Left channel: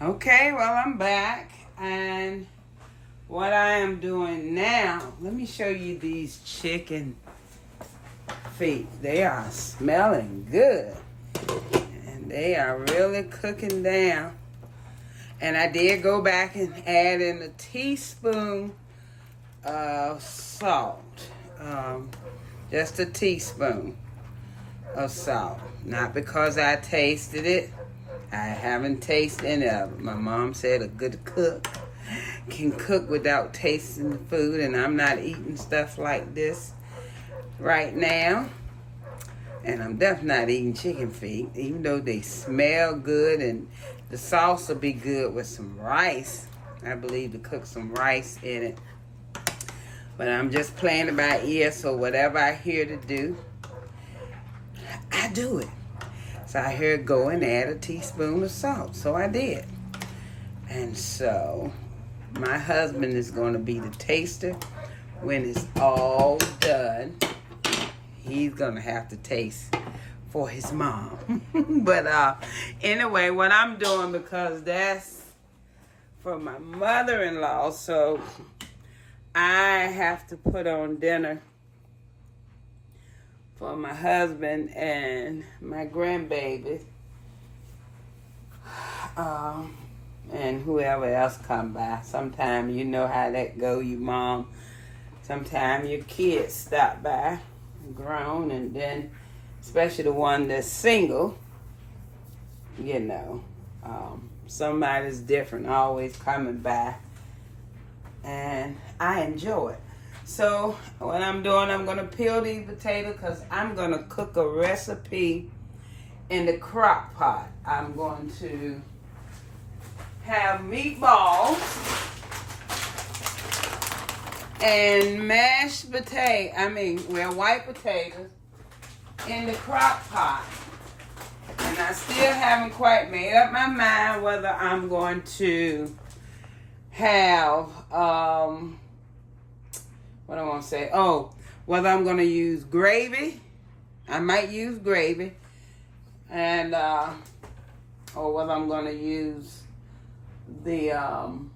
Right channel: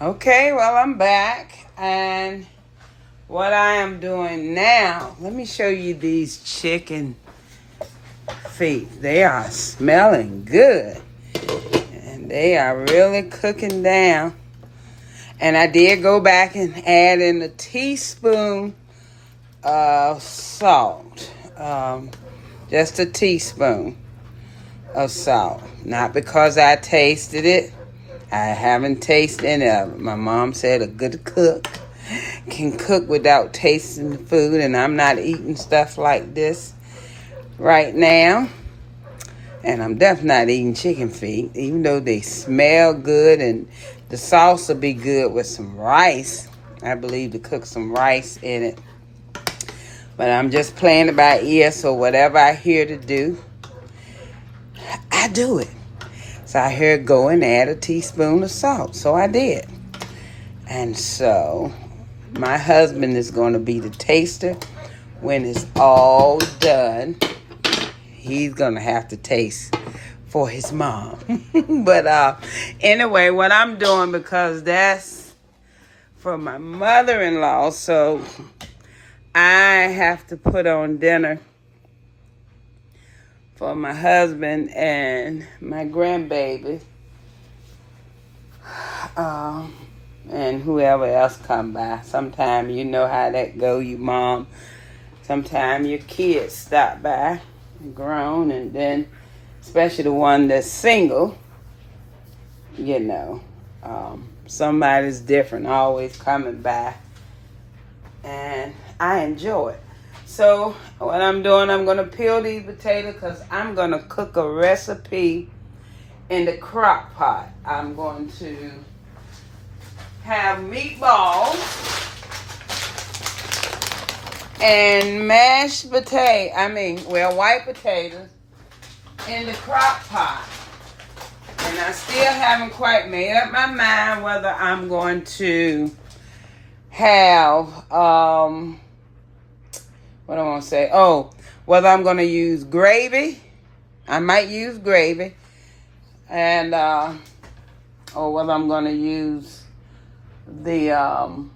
Okay, well, I'm back, and what I am doing now, let me show you these chicken feet. They are smelling good, and they are really cooking down. And I did go back and add in a teaspoon of salt, just a teaspoon of salt. Not because I tasted it. I haven't tasted any of it. My mom said a good cook can cook without tasting the food, and I'm not eating stuff like this right now. And I'm definitely not eating chicken feet, even though they smell good, and the sauce will be good with some rice. I believe to cook some rice in it. But I'm just playing it by ear, so whatever I hear to do, I do it. So I heard go and add a teaspoon of salt. So I did. And so my husband is going to be the taster when it's all done. He's going to have to taste for his mom. But anyway, what I'm doing, because that's for my mother-in-law, so I have to put on dinner for my husband and my grandbaby, and whoever else come by. Sometimes you know how that go, you mom. Sometimes your kids stop by, grown, and then especially the one that's single, you know, somebody's different, always coming by, and I enjoy it. So what I'm doing, I'm going to peel these potatoes because I'm going to cook a recipe in the crock pot. I'm going to have meatballs and mashed white potatoes in the crock pot. And I still haven't quite made up my mind whether I'm going to have, what I want to say? Oh, whether I'm going to use gravy. I might use gravy. And, or whether I'm going to use the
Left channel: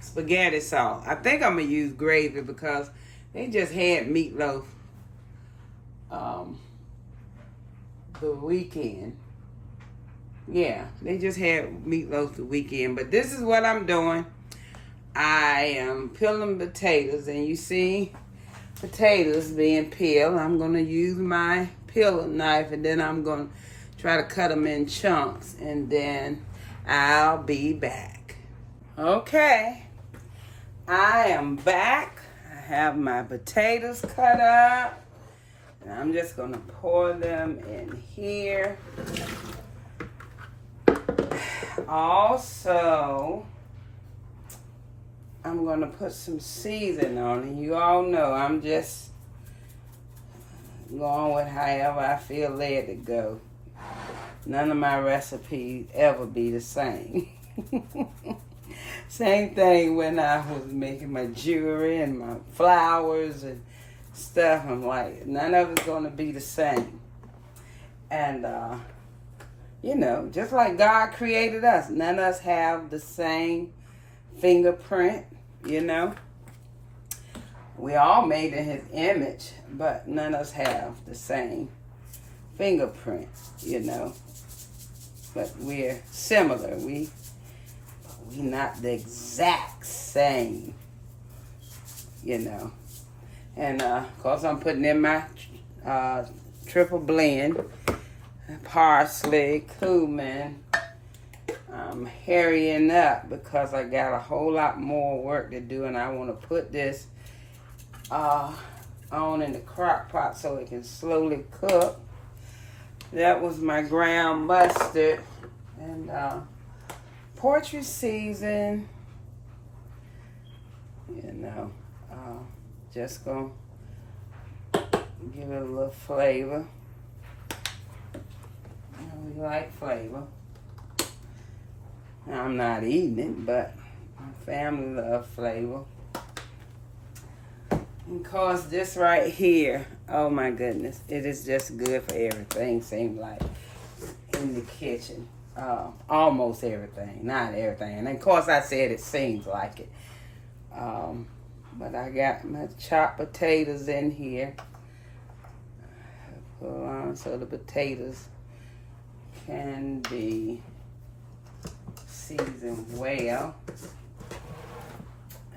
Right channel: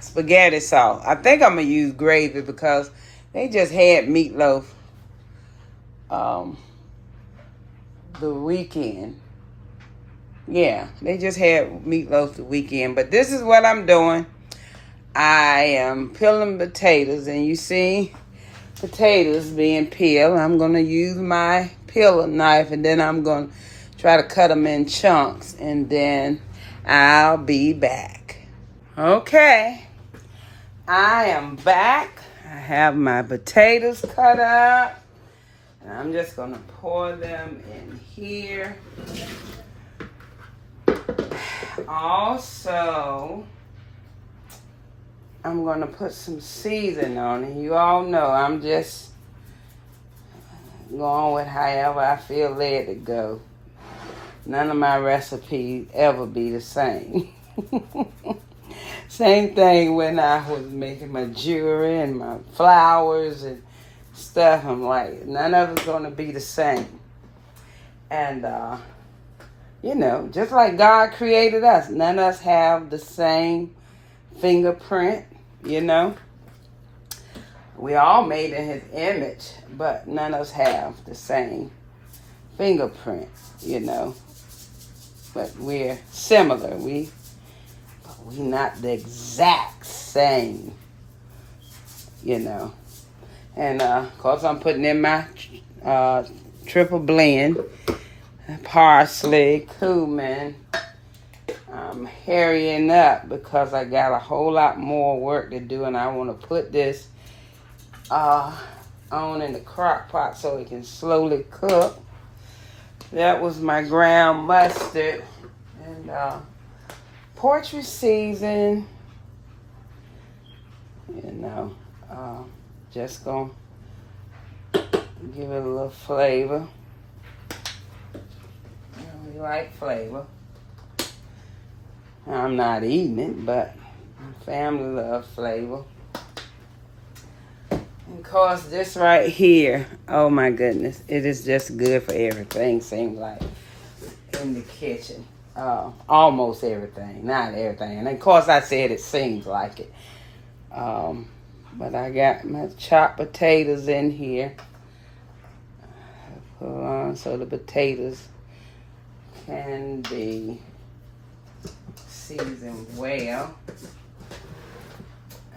spaghetti sauce. I think I'm going to use gravy because they just had meatloaf the weekend. Yeah, they just had meatloaf the weekend. But this is what I'm doing. I am peeling potatoes, and you see potatoes being peeled. I'm going to use my peeler knife, and then I'm going to try to cut them in chunks, and then I'll be back. Okay, I am back. I have my potatoes cut up, and I'm just going to pour them in here. Also, I'm going to put some seasoning on it. You all know I'm just going with however I feel led to go. None of my recipes ever be the same. Same thing when I was making my jewelry and my flowers and stuff. I'm like, none of it's going to be the same. And, you know, just like God created us, none of us have the same fingerprint, you know. We all made in his image, but none of us have the same fingerprint, you know. But we're similar. We not the exact same, you know. And of course I'm putting in my triple blend, parsley, cumin. I'm hurrying up because I got a whole lot more work to do, and I want to put this on in the crock pot so it can slowly cook. That was my ground mustard and poultry season. You know, just gonna give it a little flavor. You know, we like flavor. I'm not eating it, but family love flavor. And of course, this right here, oh my goodness, it is just good for everything, seems like, in the kitchen. almost everything, not everything. And of course I said it seems like it. But I got my chopped potatoes in here. Put on so the potatoes can be seasoned well.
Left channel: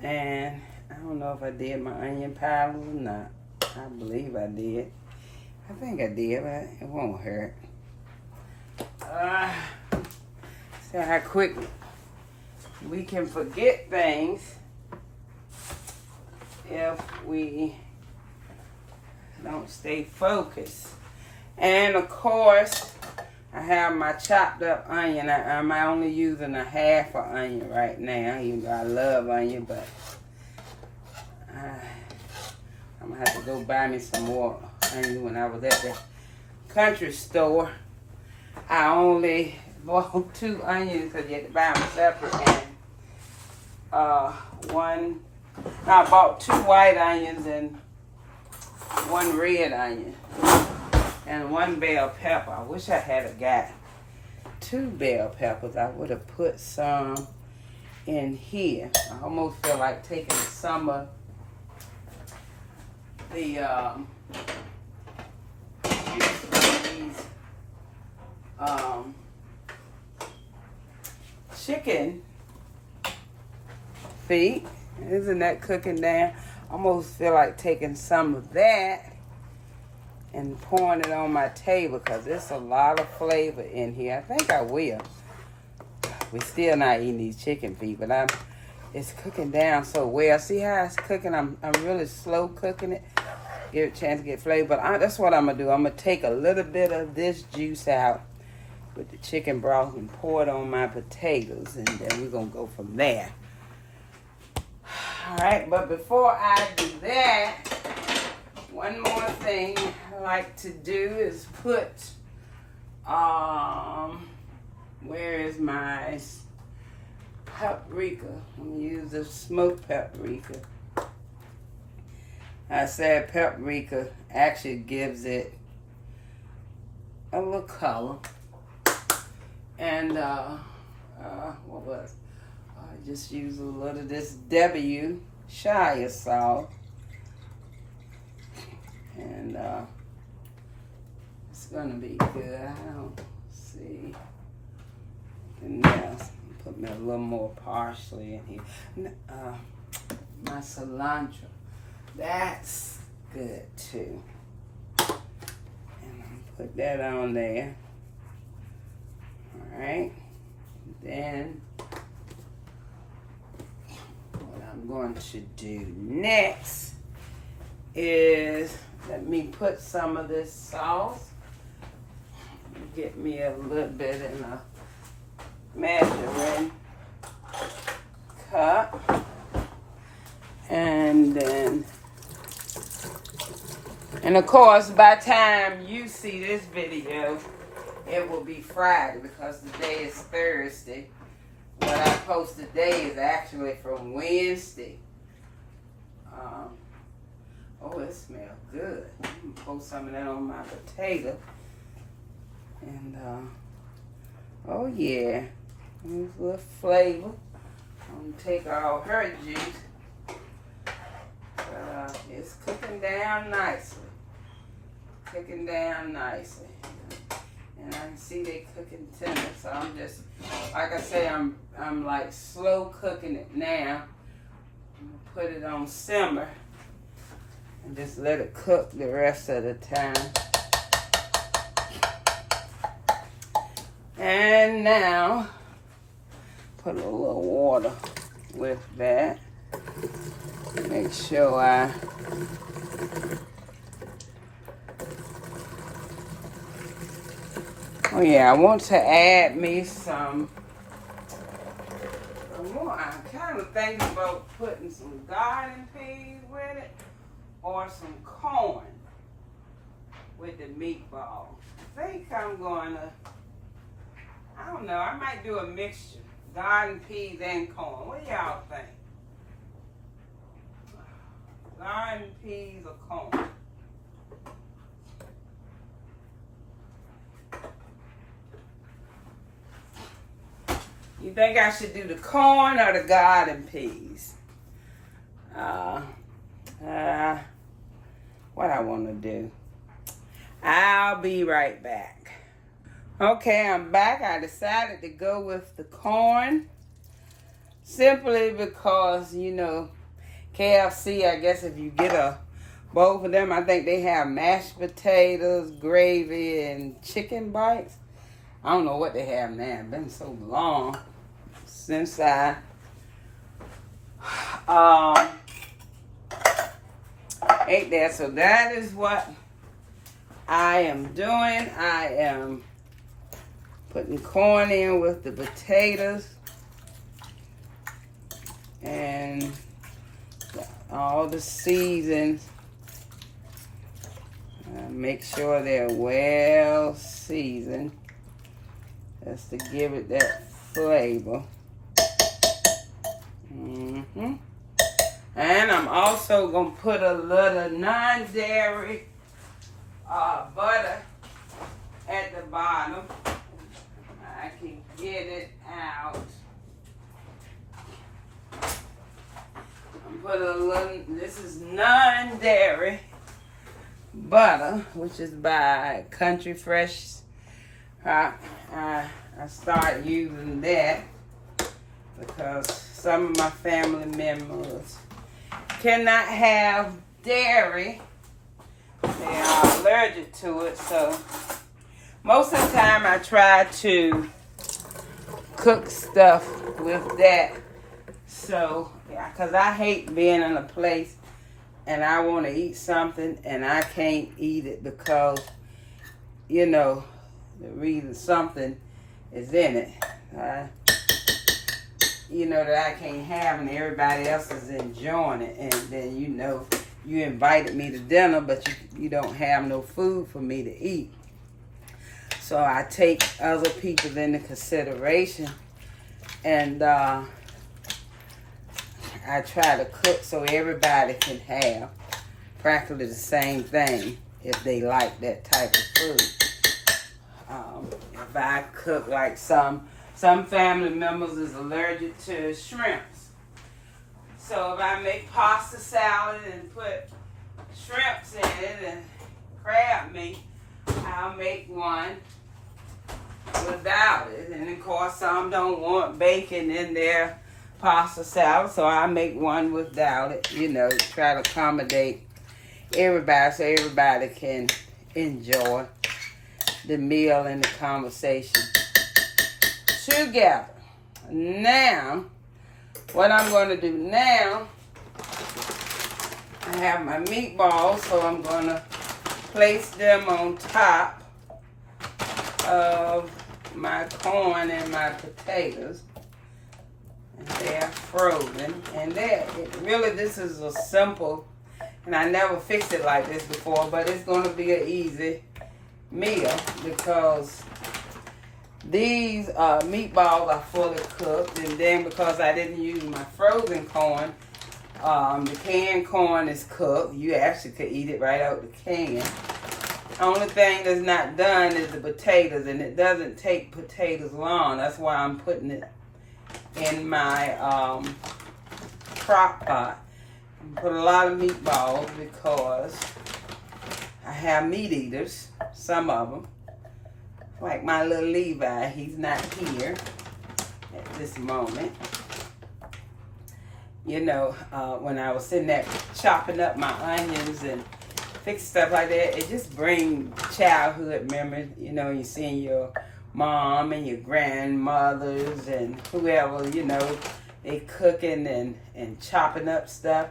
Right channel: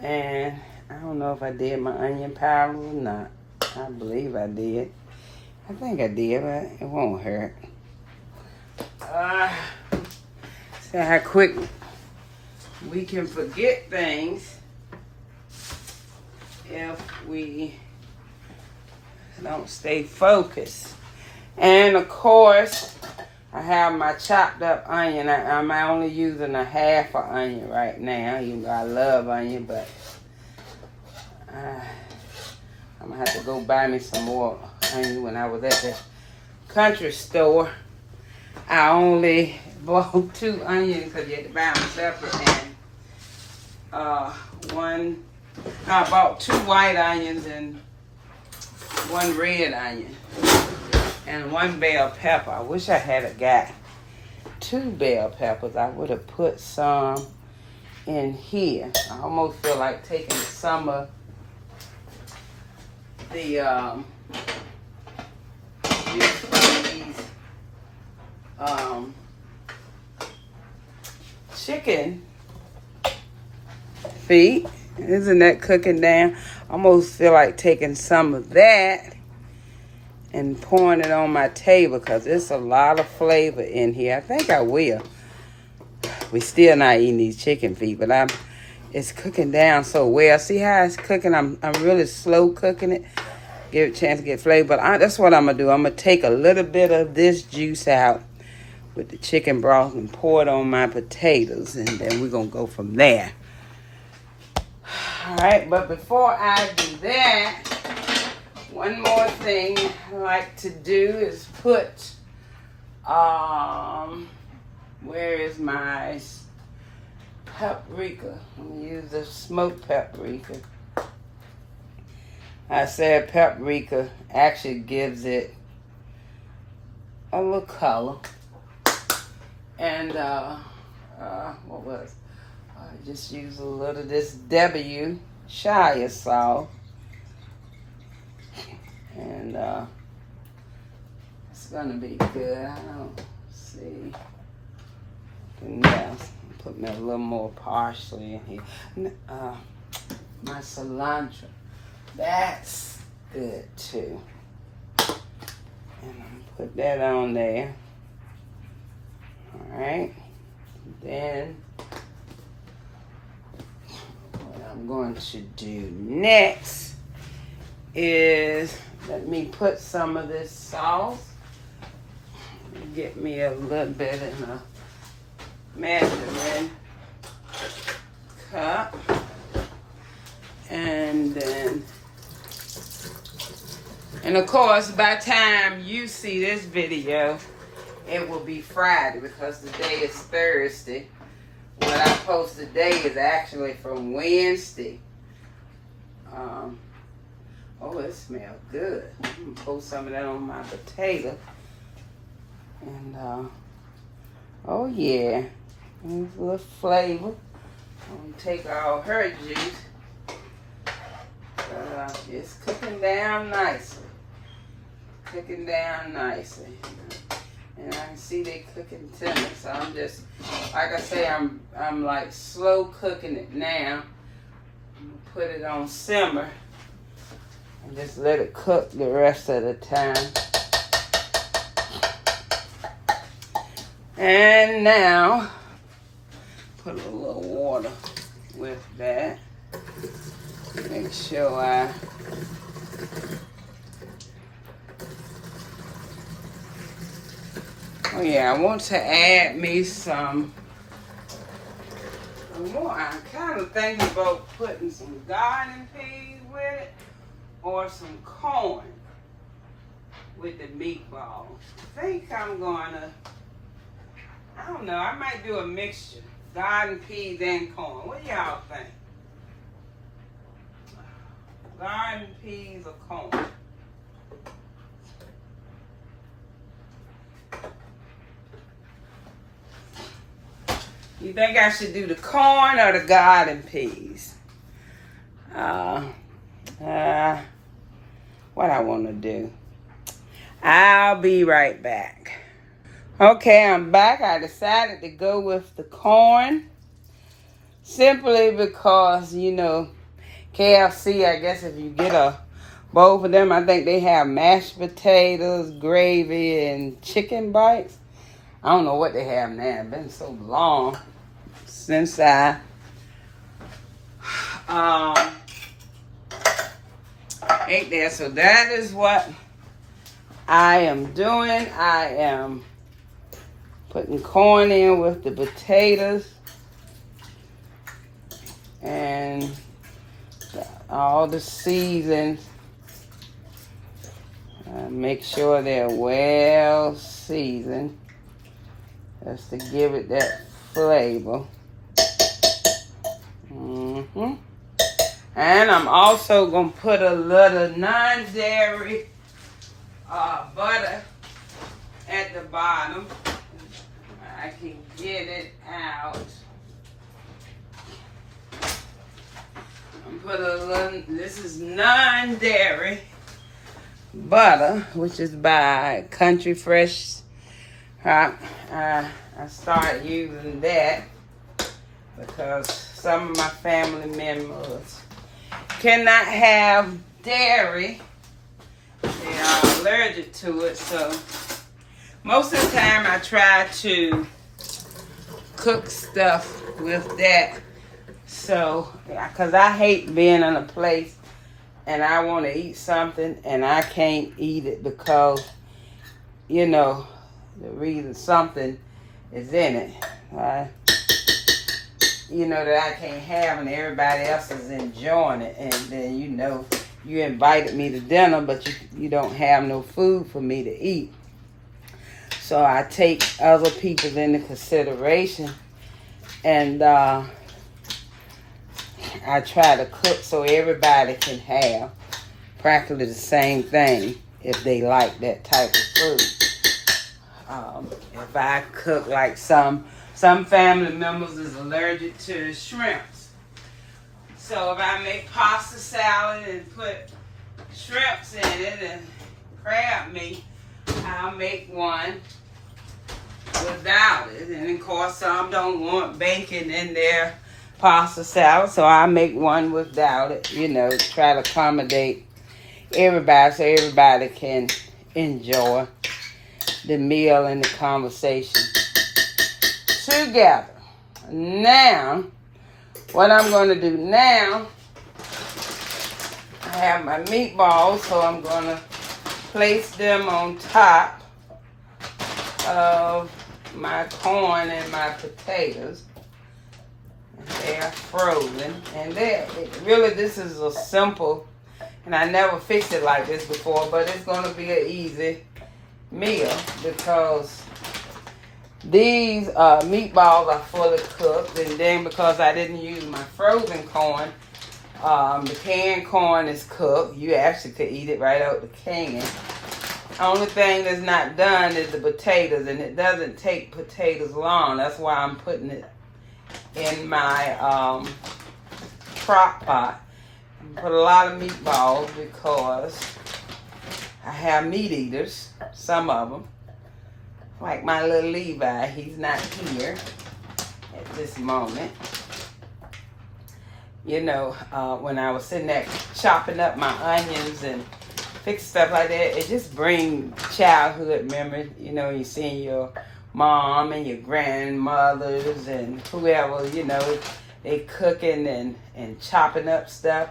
And I don't know if I did my onion powder or not. I believe I did. I think I did, but it won't hurt. See how quick we can forget things if we don't stay focused. And of course, I have my chopped up onion. I'm only using a half an onion right now. You know I love onion, but I'm gonna have to go buy me some more onion. When I was at the country store, I only bought 2 onions because you can buy them separate, and I bought 2 white onions and 1 red onion and 1 bell pepper. I wish I had got 2 bell peppers. I would have put some in here. I almost feel like taking some of the chicken feet. Isn't that cooking down? Almost feel like taking some of that and pouring it on my table because there's a lot of flavor in here. I think I will. We still not eating these chicken feet, but it's cooking down so well. See how it's cooking? I'm really slow cooking it. Give it a chance to get flavor. But that's what I'm going to do. I'm going to take a little bit of this juice out with the chicken broth and pour it on my potatoes. And then we're going to go from there. Alright, but before I do that, one more thing I like to do is put, where is my paprika? I'm going to use the smoked paprika. I said paprika actually gives it a little color. And, what was? I just use a little of this W Shire salt. And, it's gonna be good. I don't see anything else. Put me a little more parsley in here. My cilantro. That's good too. And I'm put that on there. Alright. Then what I'm going to do next is let me put some of this sauce. Get me a little bit in a measuring cup. And then, and of course, by the time you see this video, it will be Friday because today is Thursday. What I post today is actually from Wednesday. Oh, it smells good. I'm gonna post some of that on my potato. And, oh yeah, a little flavor. I'm gonna take all her juice. It's cooking down nicely. Cooking down nicely. And I can see they cooking tender. So I'm just, like I say, I'm like slow cooking it now. I'm gonna put it on simmer and just let it cook the rest of the time. And now, put a little water with that. Make sure oh yeah, I want to add me some more. I'm kind of thinking about putting some garden peas with it or some corn with the meatball. I think I'm gonna, I don't know, I might do a mixture. Garden peas and corn. What do y'all think? Garden peas or corn? You think I should do the corn or the garden peas? What I want to do. I'll be right back. Okay, I'm back. I decided to go with the corn simply because, you know, KFC, I guess if you get both of them, I think they have mashed potatoes, gravy, and chicken bites. I don't know what they have now. It's been so long since I ate there. So that is what I am doing. I am putting corn in with the potatoes and all the seasons. Make sure they're well seasoned just to give it that flavor. And I'm also going to put a little non-dairy butter at the bottom. I can get it out. I'm putting a little, this is non-dairy butter, which is by Country Fresh. I started using that because some of my family members cannot have dairy. They are allergic to it, so most of the time I try to cook stuff with that. So, because I hate being in a place and I want to eat something and I can't eat it because, you know, the reason something is in it. You know, that I can't have and everybody else is enjoying it. And then, you know, you invited me to dinner, but you don't have no food for me to eat. So I take other people into consideration. And I try to cook so everybody can have practically the same thing if they like that type of food. If I cook like some family members is allergic to shrimps. So if I make pasta salad and put shrimps in it and crab meat, I'll make one without it. And of course some don't want bacon in their pasta salad, so I make one without it, you know, try to accommodate everybody so everybody can enjoy the meal and the conversation together. Now, what I'm going to do now, I have my meatballs, so I'm going to place them on top of my corn and my potatoes. They are frozen, and really this is a simple, and I never fixed it like this before, but it's going to be an easy meal because these meatballs are fully cooked, and then because I didn't use my frozen corn, the canned corn is cooked. You actually could eat it right out the can. The only thing that's not done is the potatoes, and it doesn't take potatoes long. That's why I'm putting it in my crock pot. I put a lot of meatballs because I have meat eaters, some of them. Like my little Levi, he's not here at this moment. You know, when I was sitting there chopping up my onions and fixing stuff like that, it just brings childhood memories. You know, you seeing your mom and your grandmothers and whoever, you know, they cooking and chopping up stuff.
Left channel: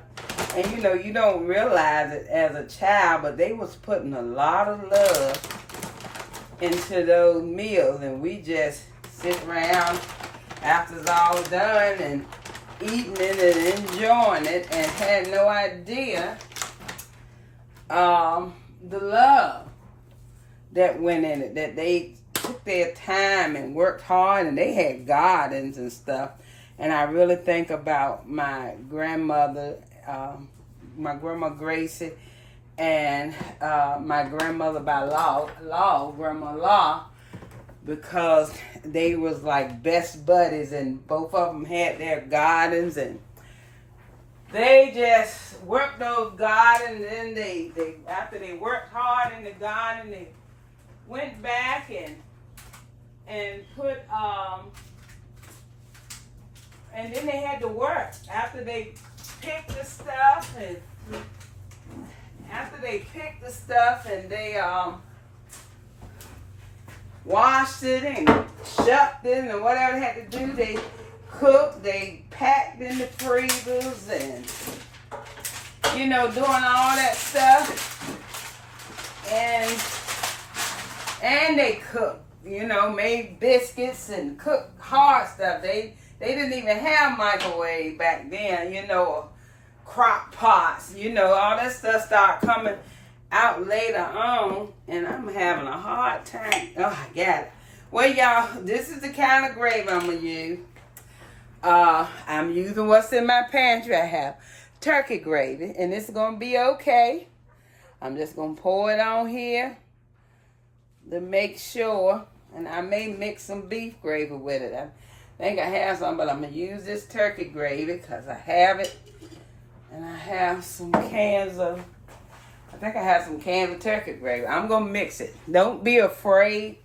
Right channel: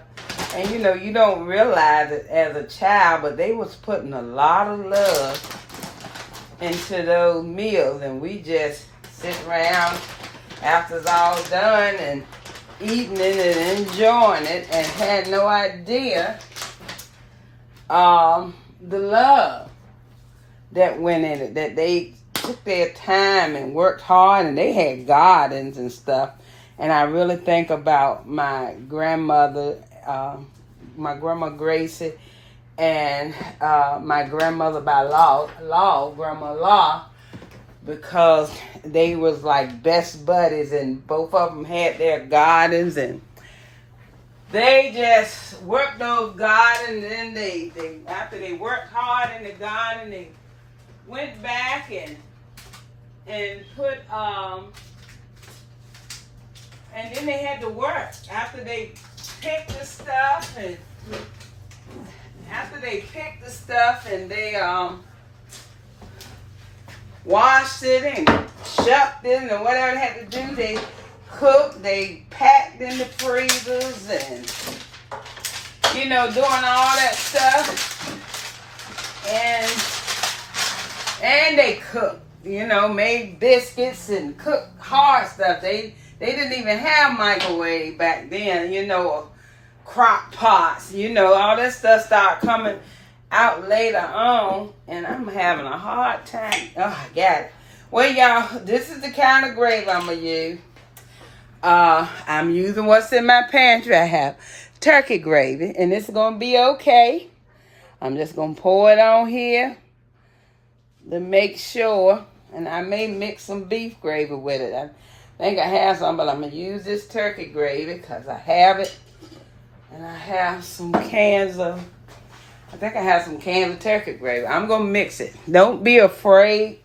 And, you know, you don't realize it as a child, but they was putting a lot of love into those meals, and we just sit around after it's all done and eating it and enjoying it and had no idea the love that went in it, that they took their time and worked hard, and they had gardens and stuff. And I really think about my grandmother, my grandma Gracie, and my grandmother by law, Grandma Law. because they was like best buddies, and both of them had their gardens, and they just worked those gardens, and they after they worked hard in the garden, they went back and put and then they had to work after they picked the stuff, and they washed it and shucked it and whatever they had to do. They cooked, they packed in the freezers, and doing all that stuff. And they cooked, made biscuits and cooked hard stuff. They didn't even have microwave back then, crock pots, all this stuff started coming out later on, and I'm having a hard time. Oh, I got it. Well, y'all, this is the kind of gravy I'm going to use. I'm using what's in my pantry. I have turkey gravy, and it's going to be okay. I'm just going to pour it on here to make sure, and I may mix some beef gravy with it. I think I have some, but I'm going to use this turkey gravy because I have it, and I have some cans of turkey gravy. I'm going to mix it. Don't be afraid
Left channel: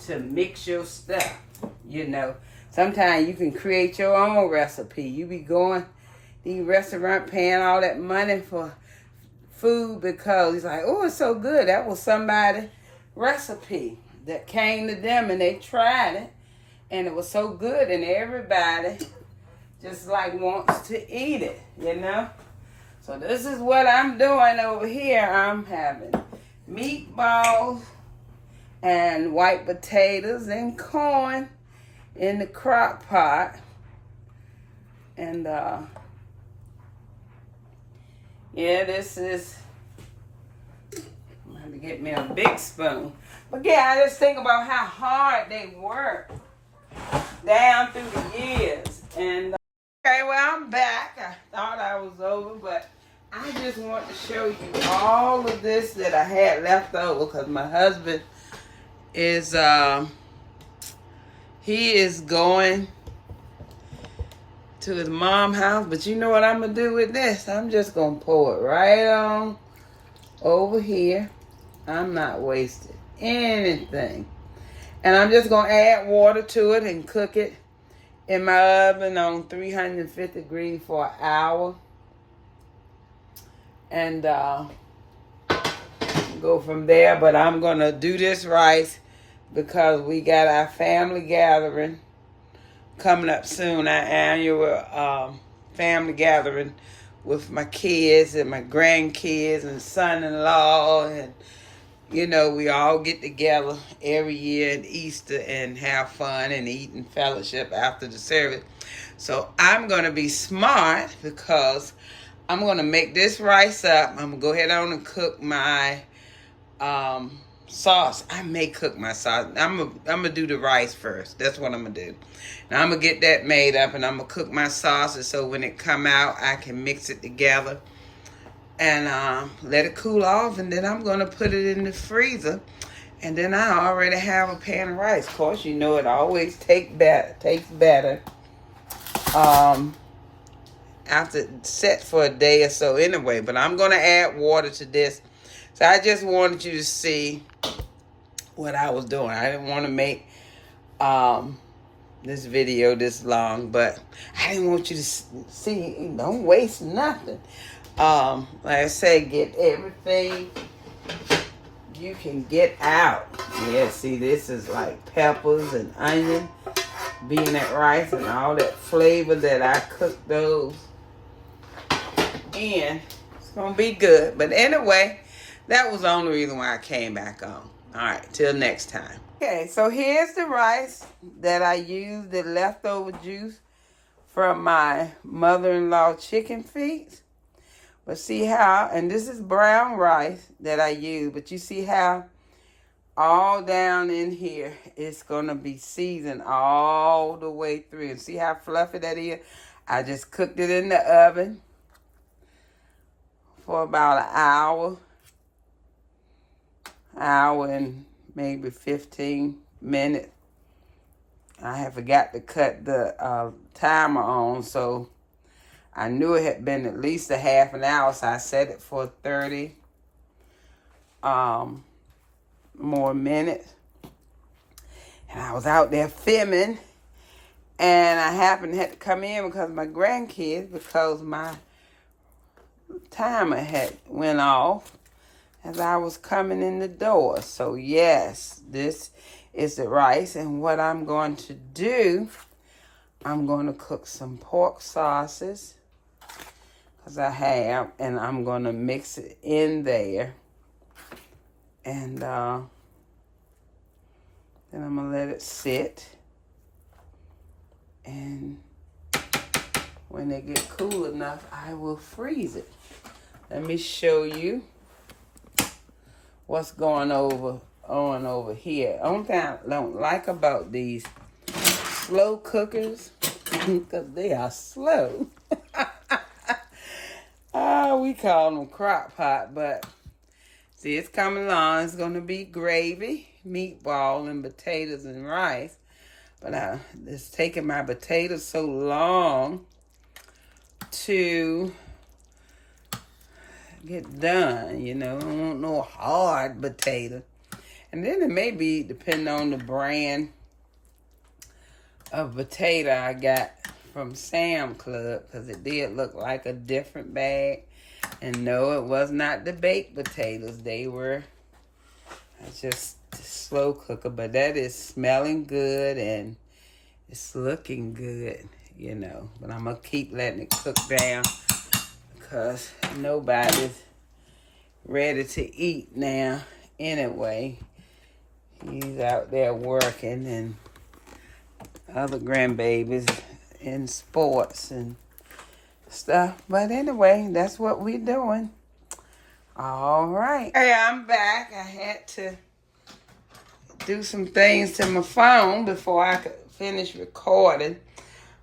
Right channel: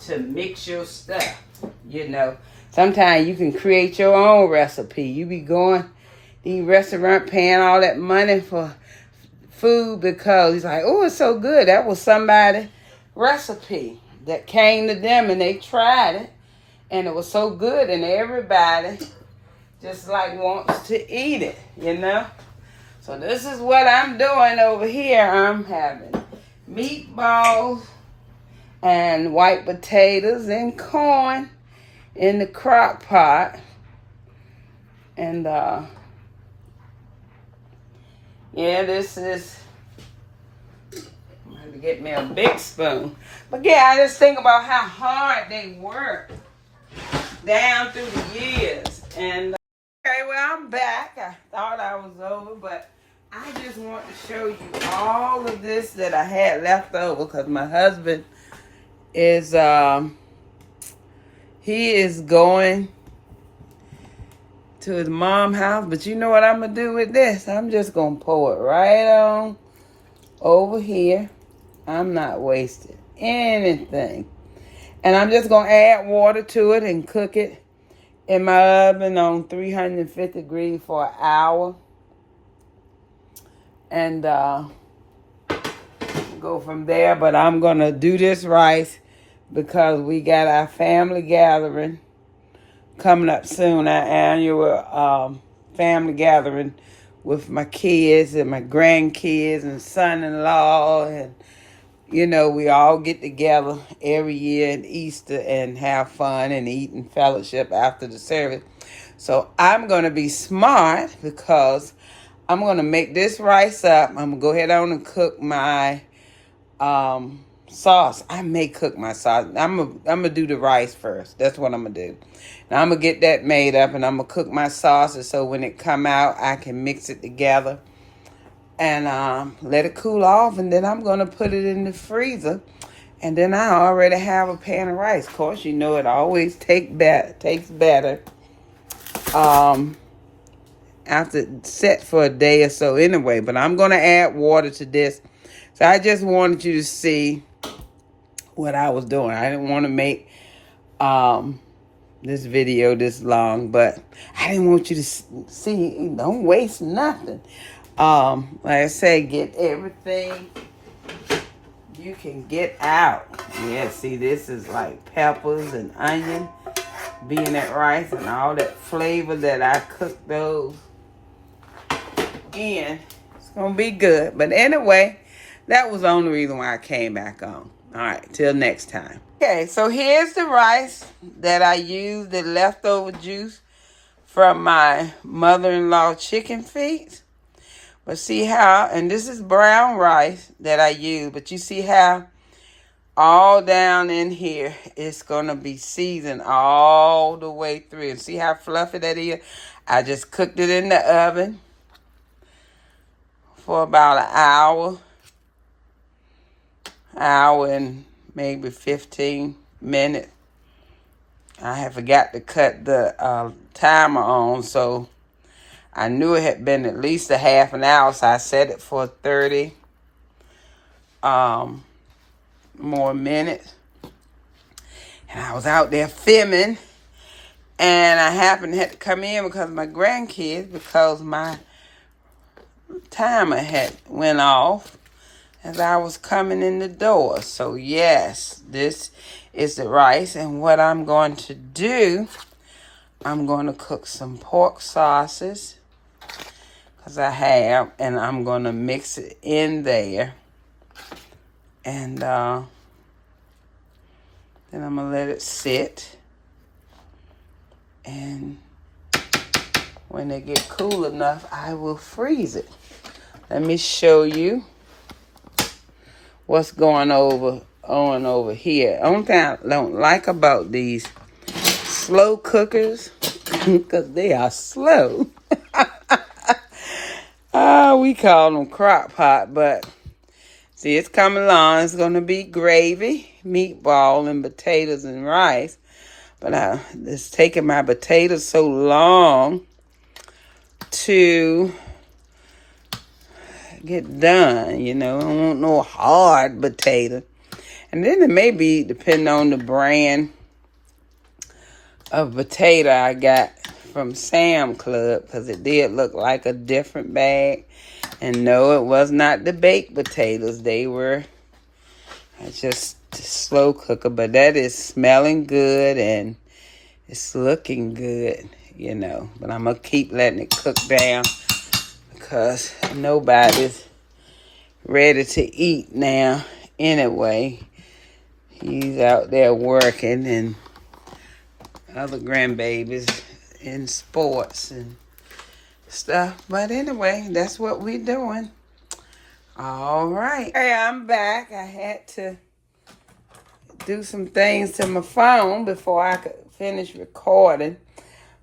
to mix your stuff, Sometimes you can create your own recipe. You be going these restaurant paying all that money for food because it's like, oh, it's so good. That was somebody's recipe that came to them and they tried it and it was so good and everybody just like wants to eat it, So this is what I'm doing over here. I'm having meatballs and white potatoes and corn in the crock pot. And this is, I'm going to get me a big spoon. But yeah, I just think about how hard they work down through the years. And okay, well, I'm back. I thought I was over, but I just want to show you all of this that I had left over because my husband is, he is going to his mom's house. But you know what I'm going to do with this? I'm just going to pour it right on over here. I'm not wasting anything. And I'm just going to add water to it and cook it in my oven on 350 degrees for an hour. And go from there. But I'm going to do this rice because we got our family gathering coming up soon, our annual family gathering with my kids and my grandkids and son-in-law. And, we all get together every year at Easter and have fun and eat and fellowship after the service. So I'm going to be smart because I'm going to make this rice up. I'm going to go ahead on and cook my sauce. I may cook my sauce. I'm gonna do the rice first. That's what I'm going to do. Now I'm going to get that made up and I'm going to cook my sauces so when it come out, I can mix it together and let it cool off. And then I'm going to put it in the freezer. And then I already have a pan of rice. Of course, it always tastes better after it's set for a day or so anyway. But I'm going to add water to this. So I just wanted you to see what I was doing. I didn't want to make this video this long, but I didn't want you to see, don't waste nothing. Like I say, get everything you can get out. Yeah, see, this is like peppers and onion, peanut rice, and all that flavor that I cooked those in. It's gonna be good. But anyway, that was the only reason why I came back on. All right, till next time. Okay, so here's the rice that I used, the leftover juice from my mother-in-law chicken feet. But see how, and this is brown rice that I use, but you see how all down in here it's going to be seasoned all the way through. And see how fluffy that is? I just cooked it in the oven for about an hour and maybe 15 minutes. I had forgot to cut the timer on, so I knew it had been at least a half an hour, so I set it for 30 more minutes. And I was out there filming, and I happened to have to come in because of my grandkids, because my timer had went off as I was coming in the door. So yes, this is the rice, and what I'm going to do, I'm going to cook some pork sauces, because I have, and I'm going to mix it in there, and then I'm going to let it sit, and when they get cool enough, I will freeze it. Let me show you what's going on over here. Only thing I don't like about these slow cookers, because they are slow. We call them crock pot, but see, it's coming along. It's going to be gravy, meatball, and potatoes and rice. But it's taking my potatoes so long to get done, you know. I don't want no hard potato. And then it may be, depending on the brand of potato I got from Sam Club, because it did look like a different bag. And no, it was not the baked potatoes. They were just slow cooker, but that is smelling good and it's looking good, you know. But I'm going to keep letting it cook down, because nobody's ready to eat now anyway. He's out there working, and other grandbabies in sports and stuff. But anyway, that's what we're doing. All right. Hey, I'm back. I had to do some things to my phone before I could finish recording.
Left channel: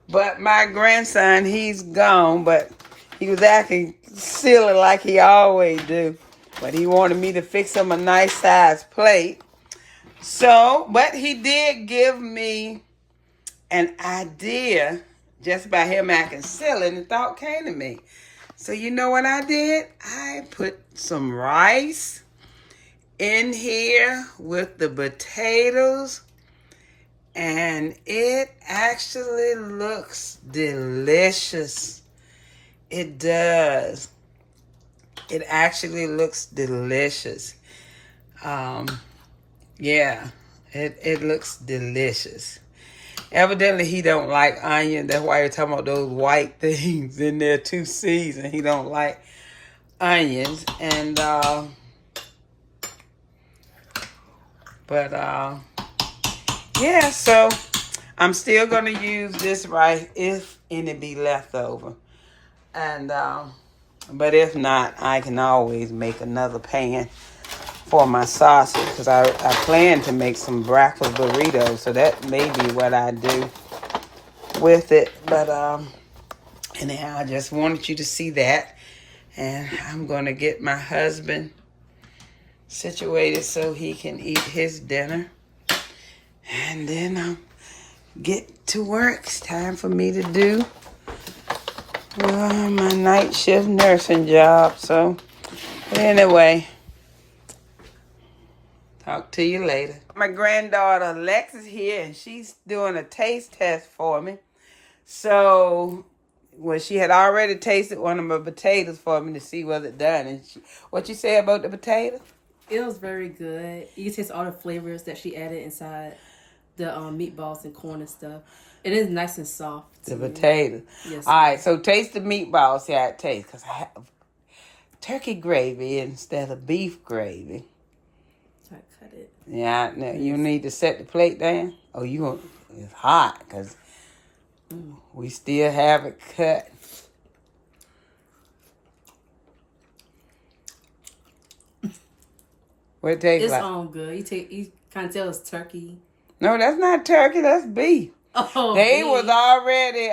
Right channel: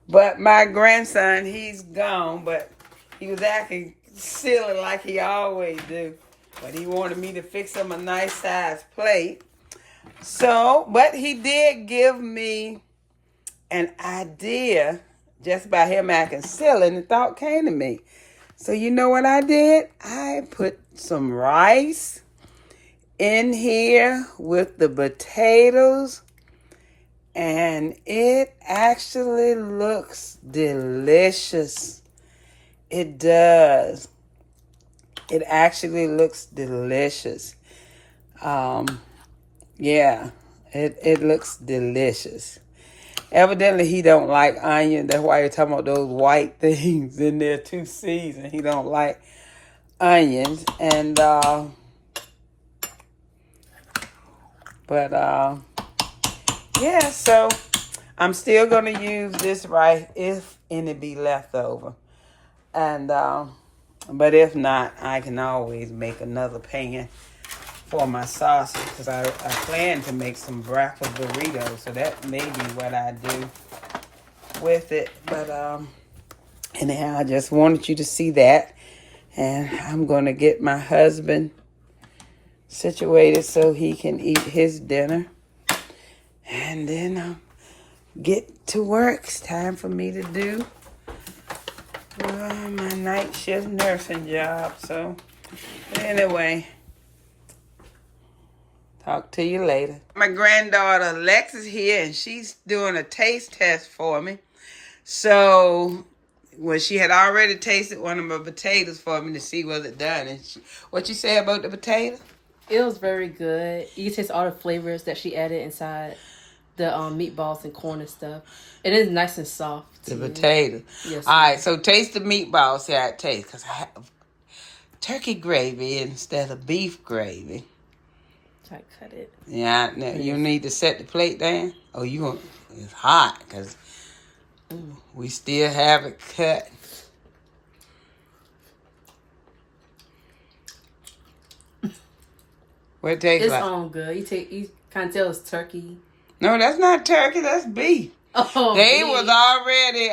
But my grandson, he's gone, but he was acting silly like he always do. But he wanted me to fix him a nice size plate. So, but he did give me an idea just by him acting silly, and the thought came to me. So you know what I did? I put some rice in here with the potatoes, and it actually looks delicious. It does. It actually looks delicious. Yeah, it looks delicious. Evidently, he don't like onion. That's why you're talking about those white things in there too seasoned. He don't like onions. And, yeah, so I'm still going to use this rice if any be left over. And, but if not, I can always make another pan for my sausage, because I plan to make some breakfast burritos, so that may be what I do with it. But anyhow, I just wanted you to see that, and I'm going to get my husband situated so he can eat his dinner, and then I'll get to work. It's time for me to do my night shift nursing job. So anyway, talk to you later. My granddaughter Alexis here, and she's doing a taste test for me. So, well, she had already tasted one of my potatoes for me to see was it done. And what you say about the potato? It was very good. You can taste all the flavors that she added inside the meatballs and corn and stuff. It is nice and soft. The potato. Yes. All right, so taste the meatballs. See how it tastes, because I have turkey gravy instead of beef gravy. I cut it. Yeah, now you need to set the plate down. Oh, it's hot, because we still have it cut. What it tastes like? It's good. You can't tell it's turkey. No, that's not turkey. That's beef. Oh, they beef. was already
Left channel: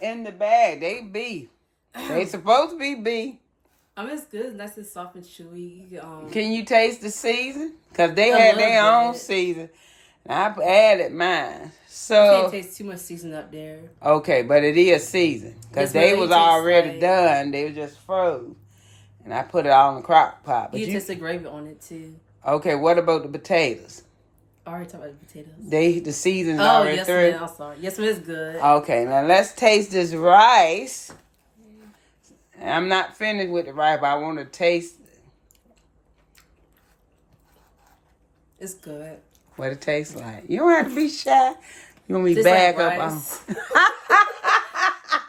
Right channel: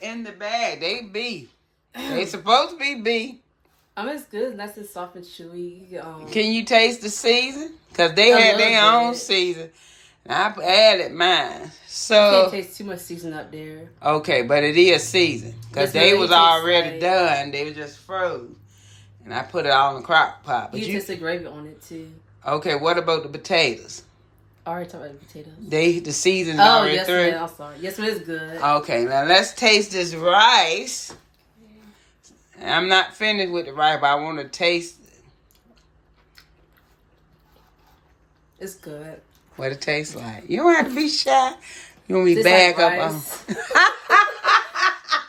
in the bag. They beef. They supposed to be beef. I mean, it's good. It's nice and soft and chewy. Can you taste the season? Because they had their own season. And I added mine. You So can't taste too much seasoning up there. okay, but it is seasoned because Yes, they ma'am, was it tastes already like- done. They was just froze, and I put it all in the crock pot. But You you taste the gravy on it too. okay? What about the potatoes? I already talked about the potatoes. The seasoned Oh, already yes, through. ma'am. I'm sorry. Yes, ma'am. It's good. Okay, now let's taste this rice. I'm not finished with the rice, but I want to taste It's good. what it tastes like. You don't have to be shy. You want me to Tastes back like up rice. on?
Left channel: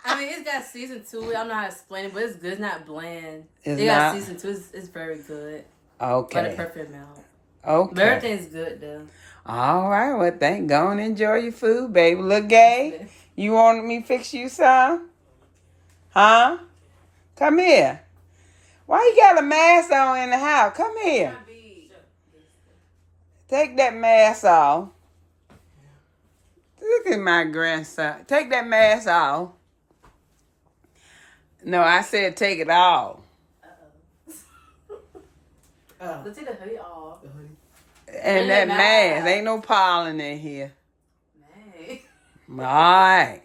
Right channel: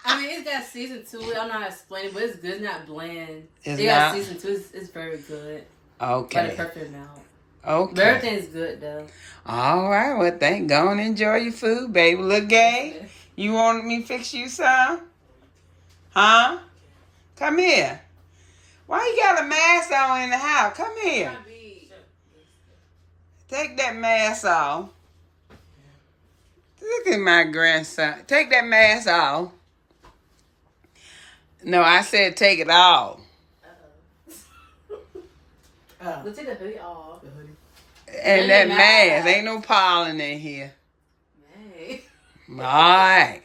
I mean, it's got season to it. I don't know how to explain it, but it's good. It's not bland. It's it not? got season to it. It's very good. Okay. By the perfect amount. Okay. But everything's good, though. All right. Well, go and enjoy your food, baby. Look, Gay. You want me to fix you some? Huh? Come here. Why you got a mask on in the house? Come here. Take that mask off. Look at my grandson. Take that mask off. No, I said take it off. Let's take the hoodie off. And that mask. Ain't no pollen in here. Hey. All right.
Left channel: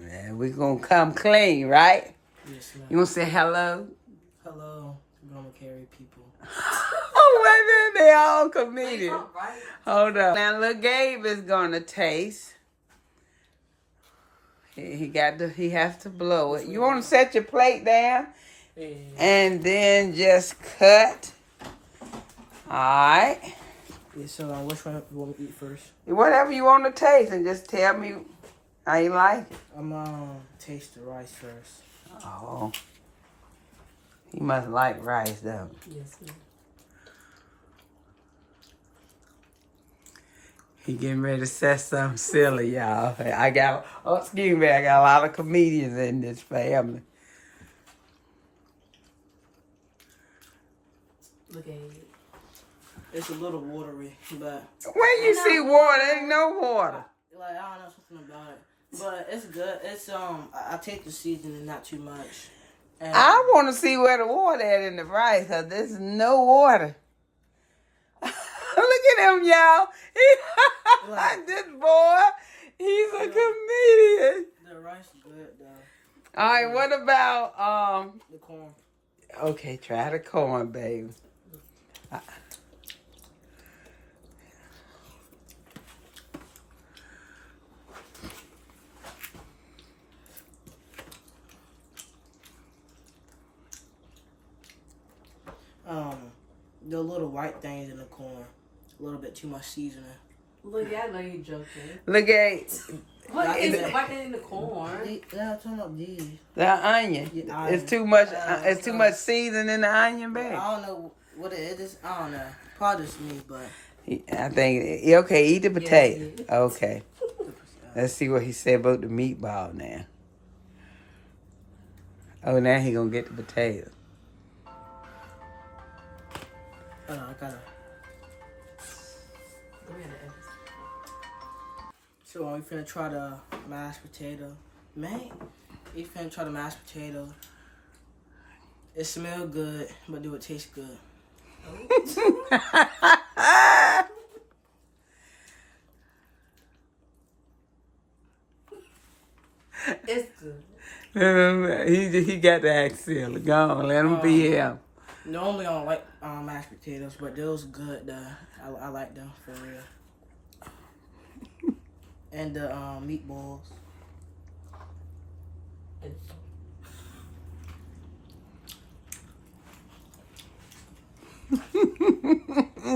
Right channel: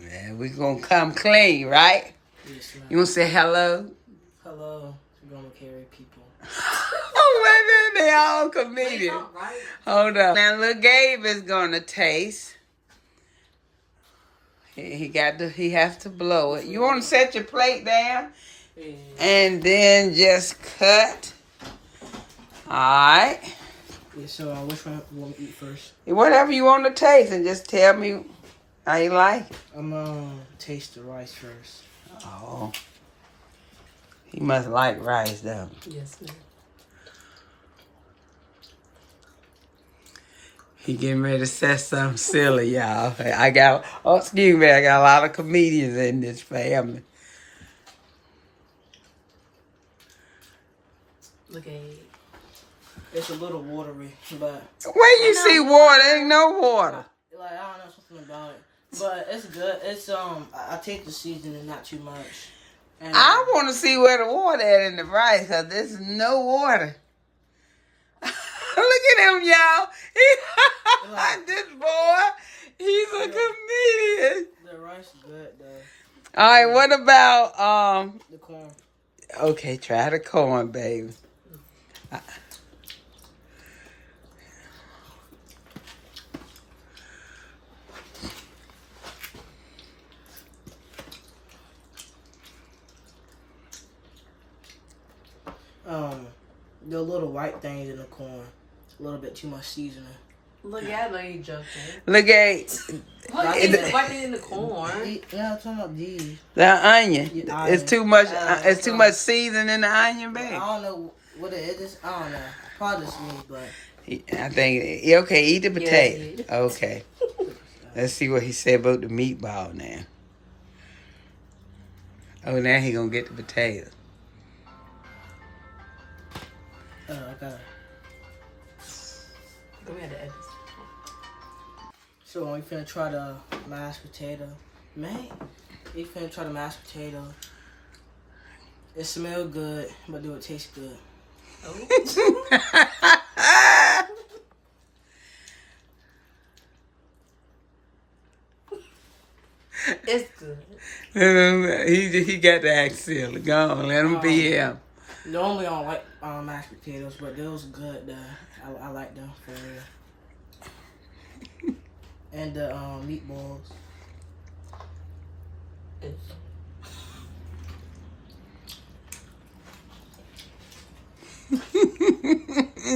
Yeah, we gonna come clean, right? Yes, ma'am. You wanna say hello? Hello. We're gonna carry people. Oh my God, they all comedians. Right. Hold up. Now little Gabe is gonna taste. He has to blow it. You wanna set your plate down? Yeah. And then just cut. Alright. Yeah, so which one you want to eat first? Whatever you want to taste and just tell me how you like it. I'm gonna taste the rice first. Oh. He must like rice though. Yes, ma'am. He getting ready to say something silly, y'all. I got a lot of comedians in this family. Look at it. It's a little watery, but Where you see water? Ain't no water. like I don't know something about it. But it's good. It's I take the seasoning, not too much. And I want to see where the water at in the rice, because there's no water. Look at him, y'all. This boy, he's a comedian. the rice is good though. All right, what about, The corn. okay, try the corn, baby. The little white things in the corn. A little bit too much seasoning. Look, I know you joking. Look at Look, it's white in the corn. Yeah, I'm talking about these. the onion. Yeah, It's onion. too much. It's too much seasoning in the onion, I baby. don't know what it is. I don't know. Probably just me, but I think okay. Eat the potato. eat it. Okay. Let's see what he said about the meatball now. Oh, now he gonna get the potato. I gotta. We had to edit. So we finna try the mashed potato. Man, we finna try the mashed potato. It smells good, but do it taste good? It's good. he got the accent. Go on, let him be him. Normally I don't like mashed potatoes, but those good though. I like them for real. And the meatballs.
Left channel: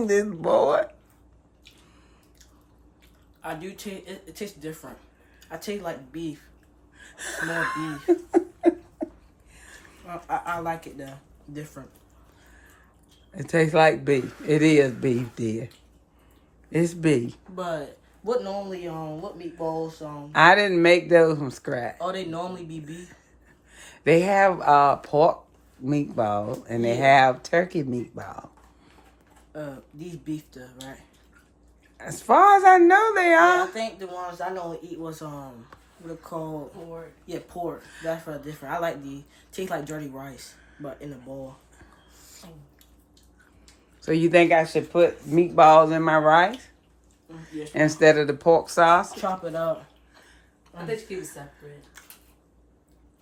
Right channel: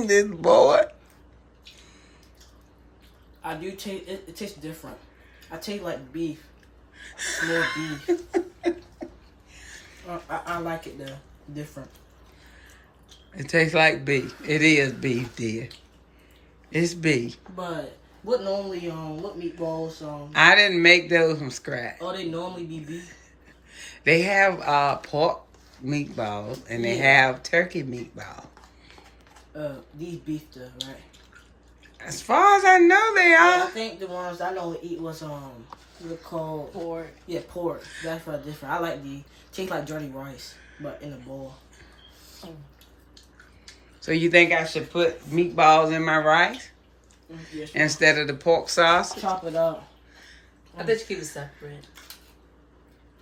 This boy. I do taste it tastes different. I taste like beef. More beef. I like it though. Different. It tastes like beef. It is beef, dear. It's beef. But what normally what meatballs I didn't make those from scratch. they normally be beef? They have pork meatballs and they Yeah. have turkey meatballs. These beef though, right? As far as I know, they Yeah, I are. think the ones I normally eat was they're called Pork. yeah, pork. That's for different. I like the taste like dirty rice, but in a bowl. So you think I should put meatballs in my rice? Yes, ma'am. instead of the pork sausage? Chop it up. I bet you keep it separate.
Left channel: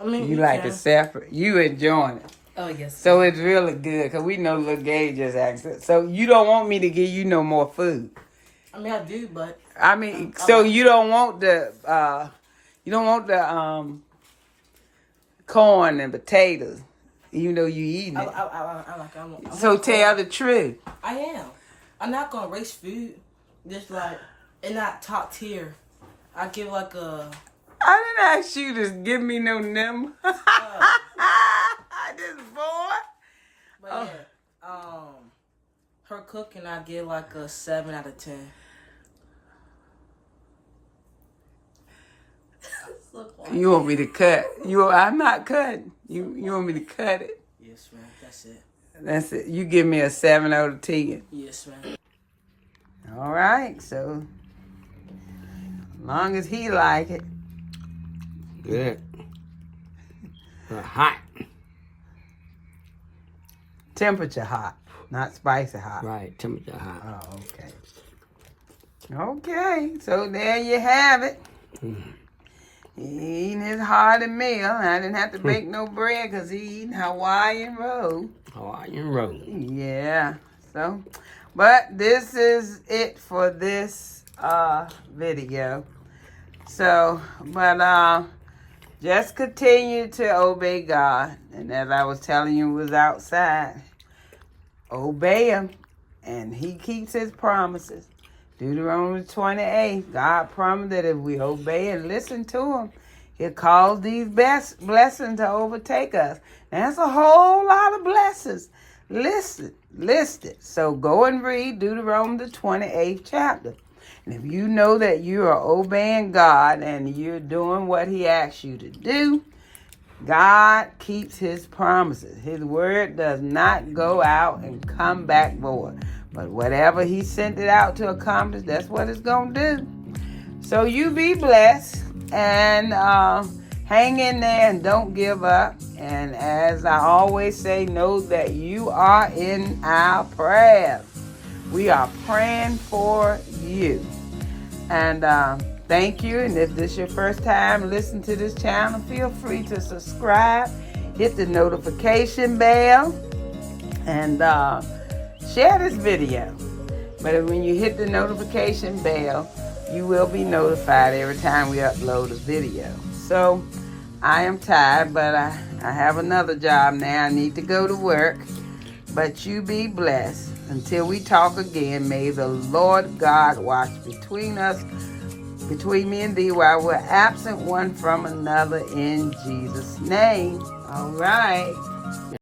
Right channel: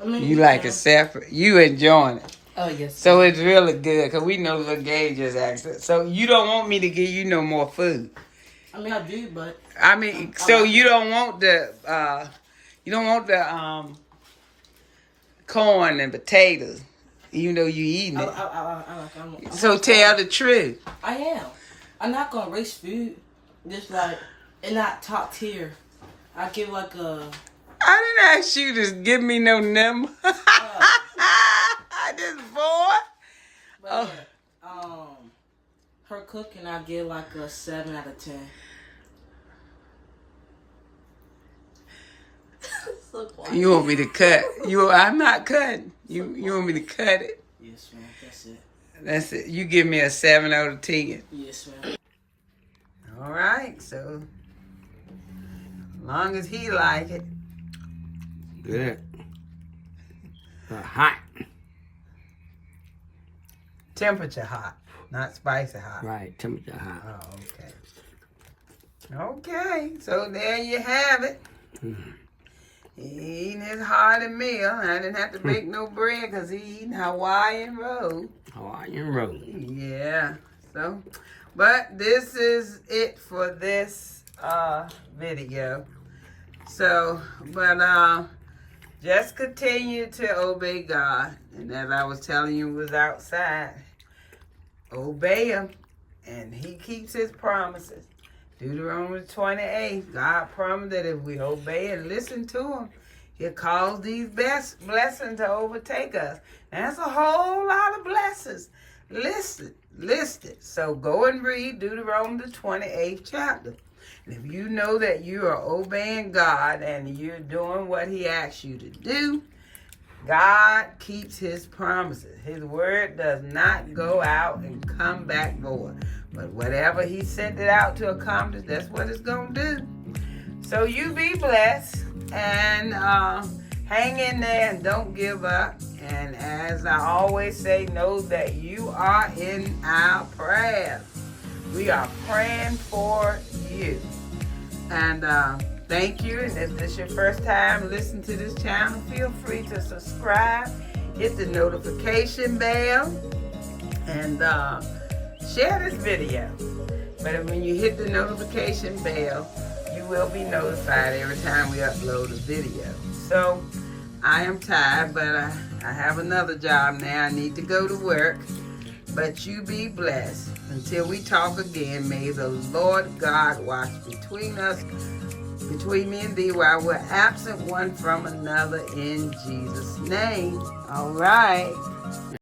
I mean, You like can. it separate. You enjoying it. Oh, yes. So it's really good because we know little Gay just asked it. So you don't want me to give you no more food. I mean, I do, but I mean, so you don't want the corn and potatoes, even though you eating it. I'm So tell the truth. I am. I'm not gonna waste food. Just like, and not top tier. I give like a. I didn't ask you to give me no number. I just bored. But Oh. yeah, her cooking, I give like a 7 out of 10. You want me to cut? I'm not cutting. You want me to cut it? Yes, man. That's it. That's it. You give me a 7 out of 10. Yes, man. All right. So, as long as he like it. Good. Hot. Temperature hot, not spicy hot. Right, temperature hot. Oh, okay. Okay, so there you have it. He eating his hearty meal. I didn't have to bake no bread because he eating Hawaiian roll. Hawaiian roll. Yeah, so, but this is it for this video. So, but just continue to obey God. And as I was telling you, was outside. Obey him, and he keeps his promises. Deuteronomy 28, God promised that if we obey and listen to him, he'll cause these blessings to overtake us. And that's a whole lot of blessings listed. So go and read Deuteronomy the 28th chapter. And if you know that you are obeying God and you're doing what he asks you to do, God keeps his promises. His word does not go out and come back void. But whatever he sent it out to accomplish, that's what it's going to do. So you be blessed and hang in there and don't give up. And as I always say, know that you are in our prayers. We are praying for you. And thank you. And if this is your first time listening to this channel, feel free to subscribe, hit the notification bell, and share this video. But when you hit the notification bell, you will be notified every time we upload a video. So I am tired, but I have another job now. I need to go to work. But you be blessed. Until we talk again, may the Lord God watch between me and thee, while we're absent one from another, in Jesus' name. All right.